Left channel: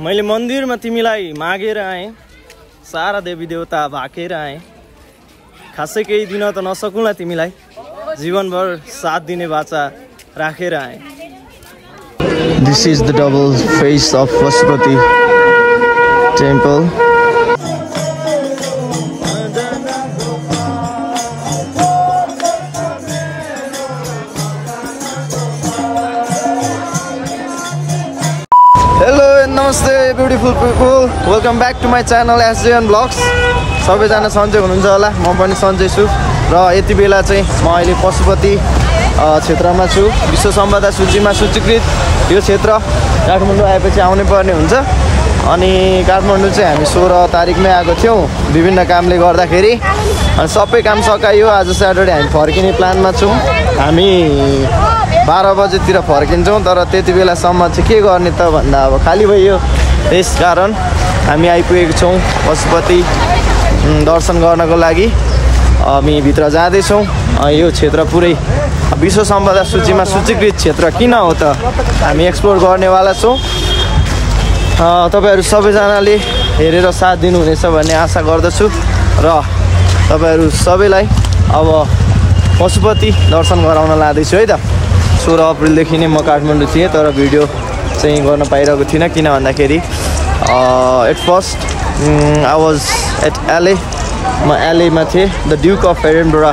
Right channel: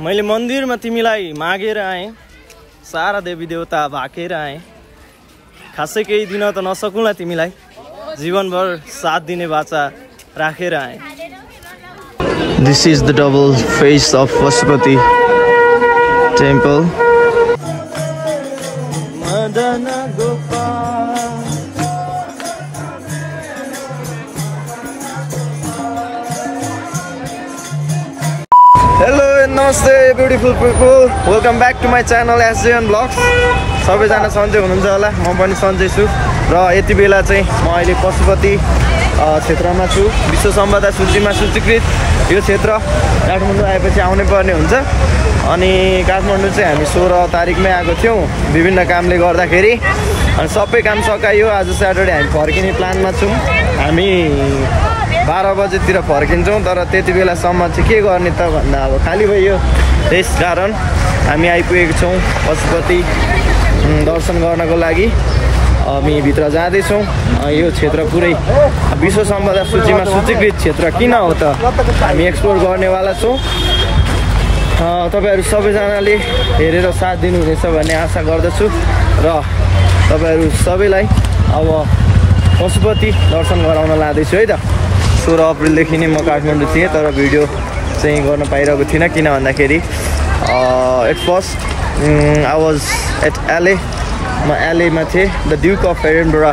मैले मन्दिरमा तिमीलाई मागेर आएँ, सारा देवी देवता भाकेर आएँ, खासै केही दिन त नसकुला तिमीलाई, जीवनभर साथ दिने बाचा राखेर आएँ। This is the double face of Pashupati temple. Hello and namaste beautiful people, welcome back to my channel SJN Vlogs. सबैजना सन्चै हुनुहुन्छ होला, म पनि सन्चै छु र यति बेला चाहिँ म अहिले पशुपति क्षेत्रमा छु। विश्व सम्पदा सूचीमा सूचीकृत यो क्षेत्र काठमाडौँ आएपछि आउनै पर्ने हुन्छ। अनि काठमाडौँ चाहिँ हामी 16 तारिकमै आएको थियौँ विभिन्न कामले गर्दाखेरि, अनि सबै काम सकायो। आज स्याटरडे हामी फर्किने प्लानमा छौँ। हामी 12 बजेतिर फर्किन्छौँ, तर त्यति बेलासम्म चाहिँ के गर्ने त भन्दा अब खाली भयो। त्यस कारण हामी आइपुगेको छौँ पशुपति दर्शन गर्नको लागि। हामी भित्र जाँदैछौँ। यो क्षेत्र पुरै विश्व सम्पदा सूचीमा सूचीकृत क्षेत्र किन हो त हामी एक्सप्लोर गर्नेवाला छौँ। तपाईँहरू सबैजनाले हेरेर साथ दिनुहुनेछ भन्ने आशा गर्दछु र तपाईँहरू सबैलाई अब पशुपति दर्शन गराउन लाँदैछु है त। 16 अप्रिलदेखि नै म काठमाडौँ थिएँ, तर भिडियो चाहिँ गर्न पाइरहेको थिइनँ किन भन्दाखेरि at first I was at LA। म LA मा थिएँ the Duke of Edinburgh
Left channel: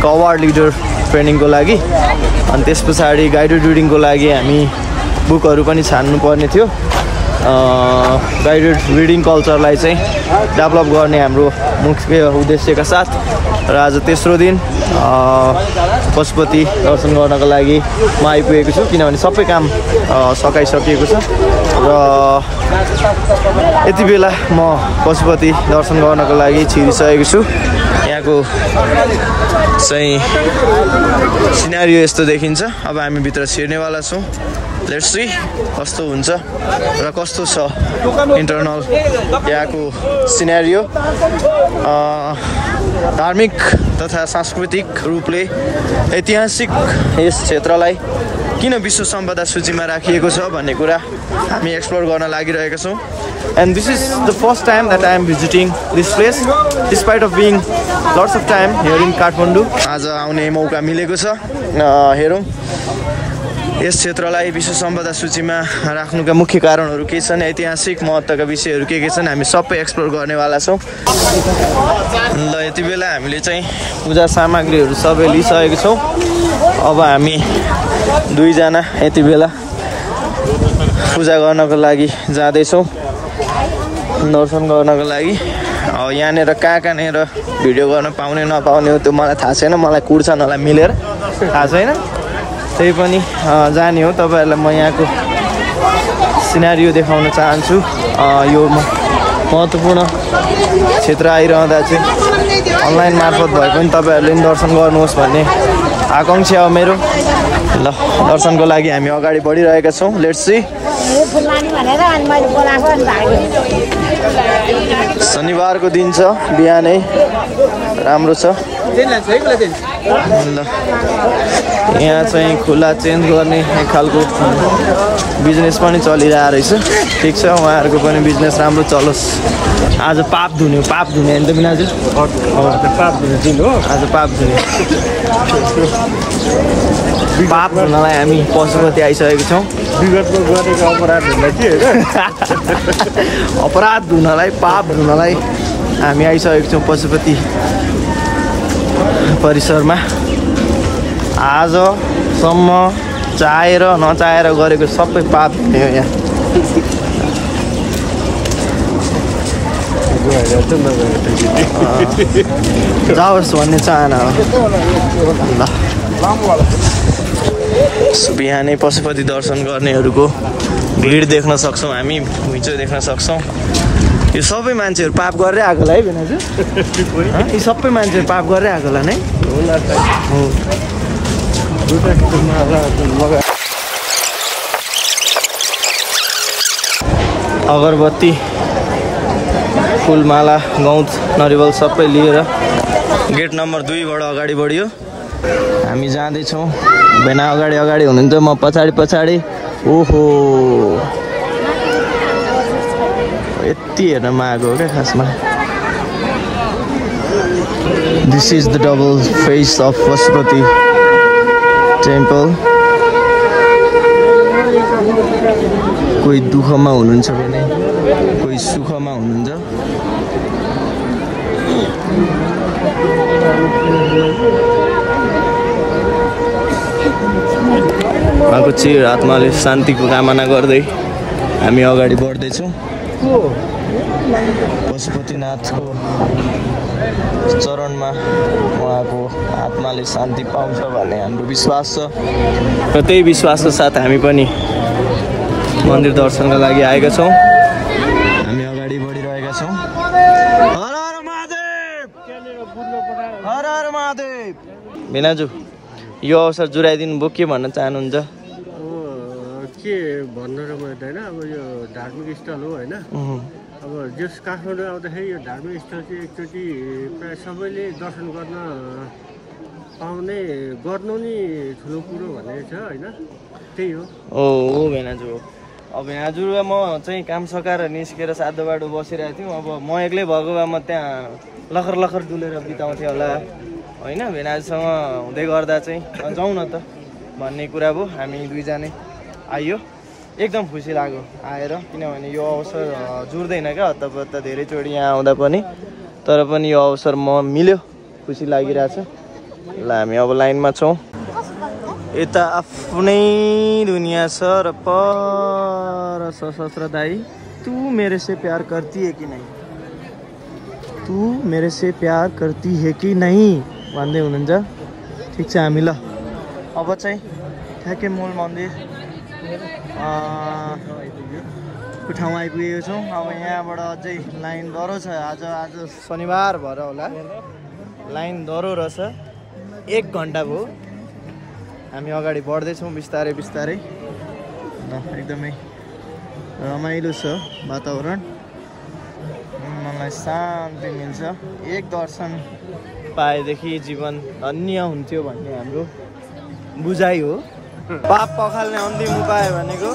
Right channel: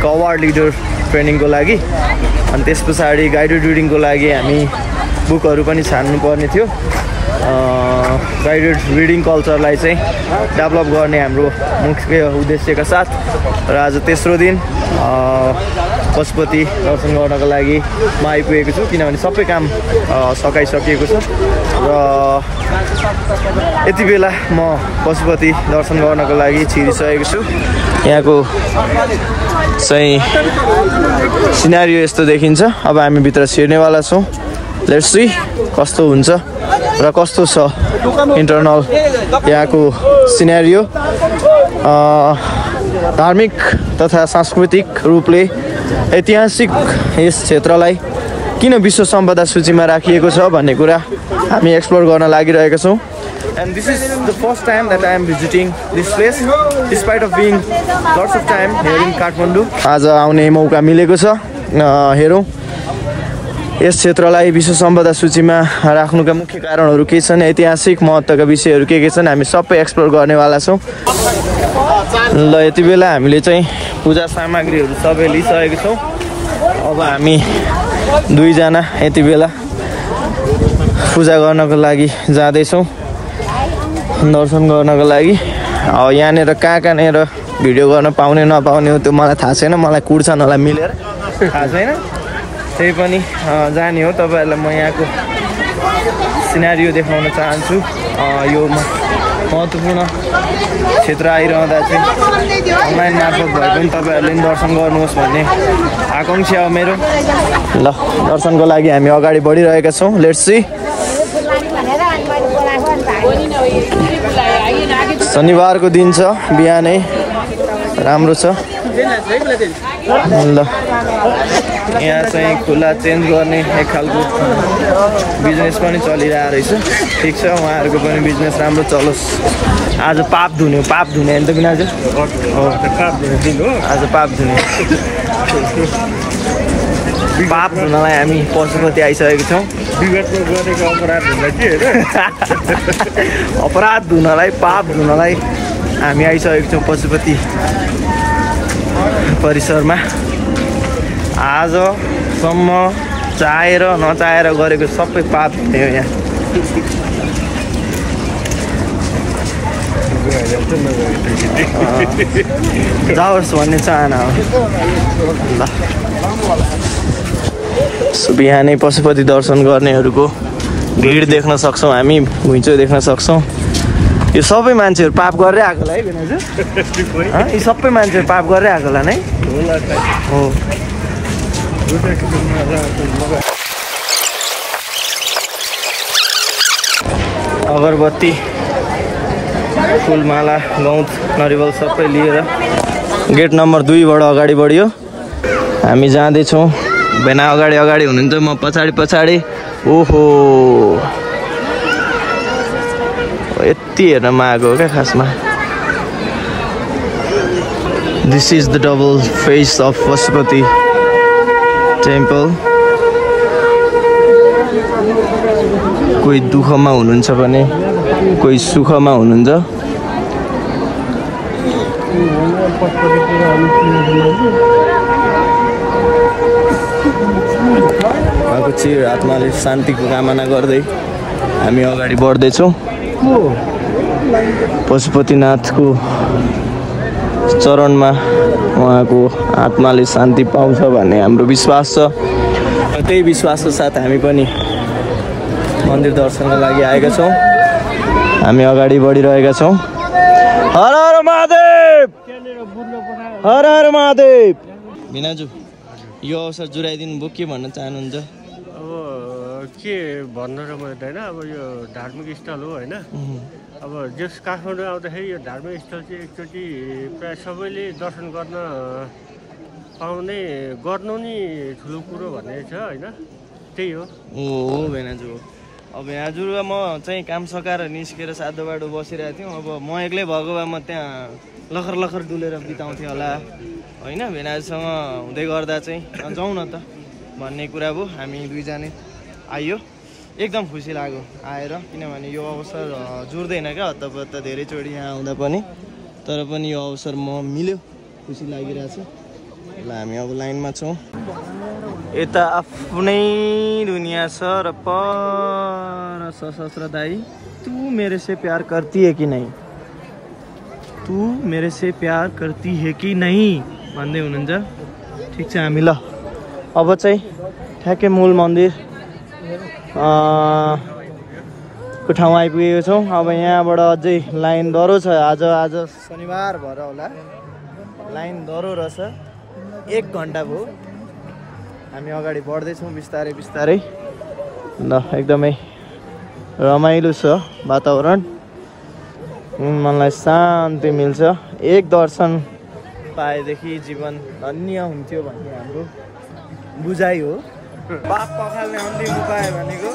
award leader ट्रेनिङको लागि। अनि त्यस पछाडि गाइडेड रिडिङको लागि हामी बुकहरू पनि छान्नु पर्ने थियो। गाइडेड रिडिङ कल्चरलाई चाहिँ डेभलप गर्ने हाम्रो मुख्य उद्देश्यका साथ र आज तेस्रो दिन पशुपति दर्शन गर्नको लागि म आइपुगेको छु, किनभने सबै काम सकाइसकिएको छ र यति बेला म पशुपति दर्शन गर्नको लागि छिरिसकेको छु। यहाँको चाहिँ सिनारियो यस्तो देखिन्छ। अब हामी भित्र छिर्नेवाला छौँ। लेट्स सी कस्तो हुन्छ र कस्तो छ इन्टरनल यहाँको सिनारियो। धार्मिक तथा सांस्कृतिक रूपले ऐतिहासिक यस क्षेत्रलाई किन विश्व सम्पदा सूचीमा राखिएको छ भन्ने कुरा हामी एक्सप्लोर गर्न लागिरहेका छौँ। And this is the first time that I am visiting this place, despite of being lots of time here in Kathmandu. आज आउने मौका मिलेको छ। हेरौँ यस क्षेत्रलाई विश्व सम्पदा सूचीमा राख्नुका मुख्य कारणहरू के छन्, ऐतिहासिक महत्त्वका विषयहरू के छन्, हामी सबै एक्सप्लोर गर्नेवाला छौँ। ल यति बेला हामीले चाहिँ पूजा सामग्रीहरू सबै लिइसकेको छौँ। अब हामी दुईजना यति बेला पूजा गर्नको लागि जाँदैछौँ, दर्शन गर्नको लागि। यहाँनिर कहाँ कहाँनिर भिडियो गर्न पाउने नपाउने त्यो मलाई थाहा छैन, मलाई कुर्छ नलाई मिलेर थाहा छैन। त्यही पनि जाने हो। तपाईँहरूलाई म यहाँको सिनारियो देखाउन चाहन्छु। यो महत्त्वपूर्ण क्षेत्र आइरहँदा चाहिँ अनलाइन मार्फत भए पनि तपाईँहरूले पनि दर्शन गर्नुहोस् भन्ने आकाङ्क्षा हो मेरो। ल दर्शनको लागि हामी अगाडि बढिरहेका छौँ। Let's see. शनिबारको दिन छ, बिहानै राम्रो छ। ल यहाँ चाहिँ खुला चेन्ज गर्ने एक खालको बिजनेस पनि चलिरहेको रहेछ। ठिक छ, उहाँहरूको पनि बिजनेस राम्रो चलोस्। आज पाप धुने होइन त बिना? पाप धुने दिन हो आज, पाप धुने। पाप धुनलाई हामी पशुपति आइसकेको छौँ। विगतमा गरेको अपराध धुनलाई के अपराध धुनलाई, पाप धुनलाई हामी आइसकेको छौँ पशुपति परिसरमा। आजसम्म चाहेर नचाहेर गरेको सबै पाप धुने हो यहाँ। जाओस् भन्ने चाहना हो। ल बिहानै पशुपति दर्शन गर्नेहरूको भिड देख्न सक्छौँ हामी, घुइँचो देख्न सक्छौँ। यो सबै मान्छेहरू पाप गरेर आएको होला है बेनाजु? यी सबै मान्छेहरू पाप गरेर आएको होला नै हो। अगरबत्ती, फुलमाला, गौत, नरिवल सबै लिएर गेट नम्बर 2बाट अगाडि बढ्यो। हामी जाँदैछौँ। बेना अगाडि हुनुहुन्छ, म पछाडि। ओहो यति हेर्न आएको हो क्या खासमा। This is the double face of Pashupati temple. कोही दुःखमा हुनुहुन्छ भने कोही सुखमा हुनुहुन्छ। उहाँको चिर आत्माले शान्तिको कामना गर्दै हामी अगाडि बढ्दैछौँ। पशुपतिनाथको चरणमा उहाँको आत्माले शान्ति पाउँछ भन्ने हाम्रो विश्वास छ र त्यही विश्वासको साथ हामी पनि मन्दिर दर्शनको लागि आएका छौँ। हामी अगाडि बढिरहेका छौँ। हर हर महादेव, हर हर महादेव। भिनाजु, यो अवसर जुराइदिनु भयो, के भन्न चाहनुहुन्छ? अब के भन्नु र मैले होइन, अब यो धार्मिक स्थल हो होइन। अब जस काठमाडौँ आउँदाखेरि यो धार्मिक स्थल चाहिँ एकचोटि प्राय सबैले दर्शन गर्नु नि ठुलो कुरो भन्ने छ होइन। त्यही हो। हो भेनाजु हो। अब भेनाजु र म चाहिँ काम सकाएर निस्केर सातो बाटो बसिरहेको थियौँ। अब म एक्लै भएको भए म त्यहाँ लखर लखर डुलेर बिताउँथेँ होला होइन। भेनाजुसँग हुँदै गर्दा चाहिँ जाउँ न त भन्ने कुरा भयो। हामी दुईजनै आइयो, एकदम खुसी लाग्यो आएर, किनभने यो अवसर जुर्दैन क्या हत्ता धेरैचोटि यहाँ आउँदा पनि। तर पनि यो अवसर मिल्यो, खुसी लागिरहेछ। ल हामी अब लाइनमा छौँ। यता आफ्नै दुनिया छ र पर सशस्त्र दाई। तू मेरे से प्यार करती है कि नहीं, तू मेरे से प्यार करती है कि नहीं भन्दै हुनुहुन्छ। ठिक छ, हामी ल अब चाहिँ ठ्याक्कै मूल मन्दिर को ठाउँ आइपुगेको छौँ। अब यहाँबाट अझै लाइन डह्रो छ। आज शनिबार भएर होला, लाइन डह्रो रहेछ। 1 घन्टा भयो। हामी अगाडि बढ्दैछौँ बिस्तारै बिस्तारै। ल एकदमै रमाइलो छ वातावरण, मनलाई शान्ति मिल्छ। एक दर्शन पाएदेखि जीवन धन्य हुन्थ्यो भन्ने हाम्रो बुझाइ हो। पाप पखाल्ने अन्तिम उपाय भनेको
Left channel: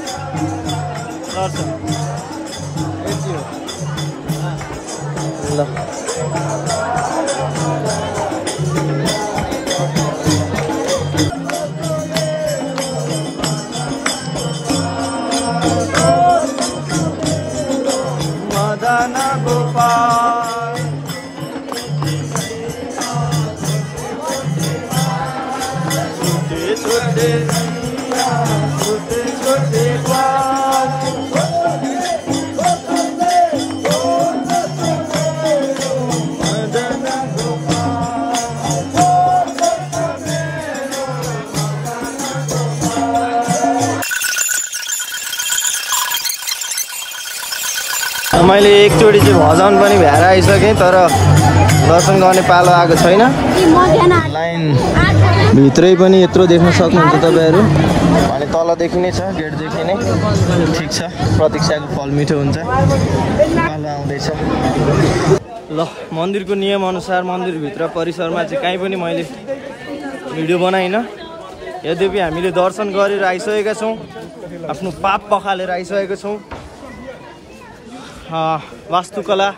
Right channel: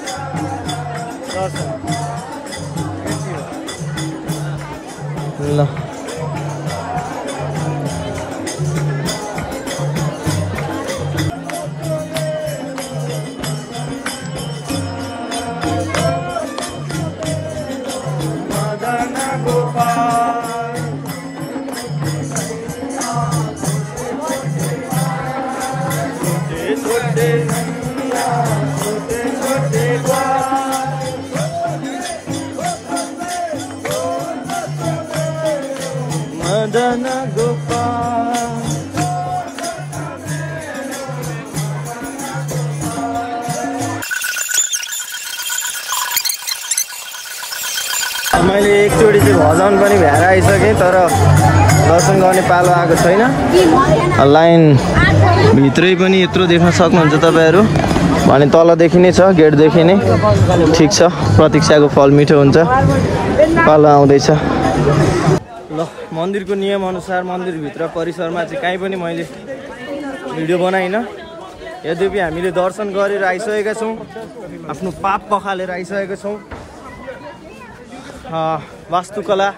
दर्शन, यति हो। ल गोपाल छोटे छोटे छोटे छोटे ग्वाल मदन मैले एकचोटि चाहिँ भजन पनि भ्याएर आइसकेँ, तर दर्शन गर्ने पालो आएको छैन। लाइन भित्रै पनि यत्रो देख्न सक्नुहुन्छ तपाईँहरू। अनि तलदेखि नै छ, गेटदेखि नै। ठिक छ, प्रतीक्षाको फल मिठो हुन्छ। पालो आउँदैछ। ल मन्दिरको नियमअनुसार मन्दिरभित्र परिसरमा चाहिँ कहीँ पनि मैले भिडियो बनाइनँ। यद्यपि हामीले दर्शन गरेर आइसकेका छौँ, आफ्नो पाप पखालेर आइसकेका छौँ। वास्तुकला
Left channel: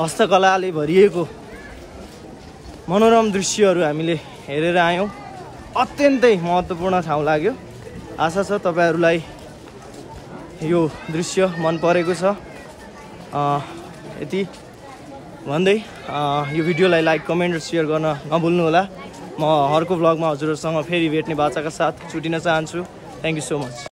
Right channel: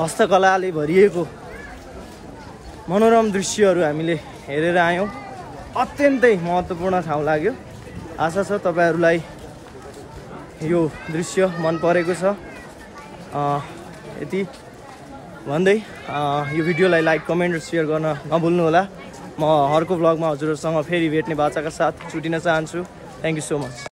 हस्तकलाले भरिएको मनोरम दृश्यहरू हामीले हेरेर आयौँ। अत्यन्तै महत्त्वपूर्ण ठाउँ लाग्यो। आशा छ तपाईँहरूलाई यो दृश्य मन परेको छ। यति भन्दै यो भिडियोलाई लाइक, कमेन्ट र सेयर गर्न नभुल्नुहोला। म अर्को ब्लगमा हजुरहरूसँग फेरि भेट्ने बाचाका साथ छुटिन चाहन्छु। Thank you so much.